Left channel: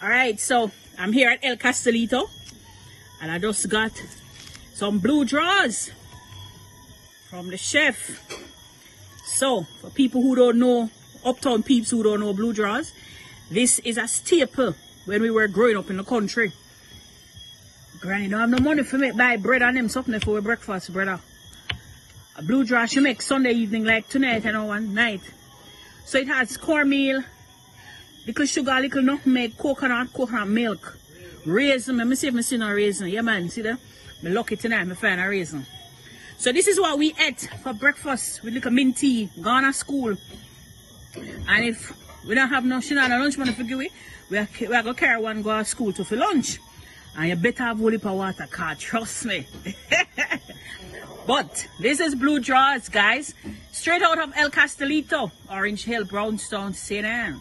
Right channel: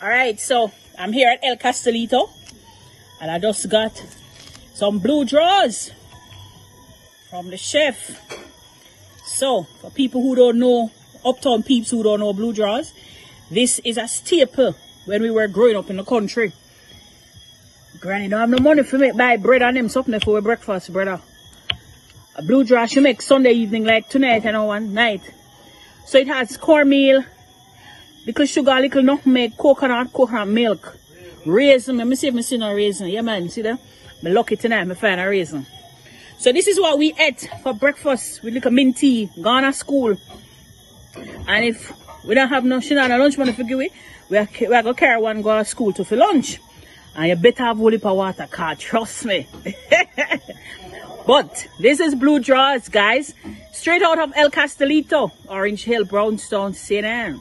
Alright, so I'm here at El Castilito and I just got some blue drawers from the chef. So for people who don't know, uptown peeps who don't know blue drawers, this is a staple when we were growing up in the country. Granny don't have no money for me buy bread and them something for breakfast, brother. A blue drawer she make Sunday evening like tonight and one night. So it has cornmeal, little sugar, little nutmeg, coconut milk, raisin. Let me see if I see no raisin. Yeah man, see that? I'm lucky tonight I find a raisin. So this is what we ate for breakfast with little mint tea, gone to school. And if we don't have no lunch money for give we are going to carry one go to school for lunch. And you better have a whole heap of water, cause trust me. But this is blue drawers, guys. Straight out of El Castilito, Orange Hill, Brownstown, St. Anne.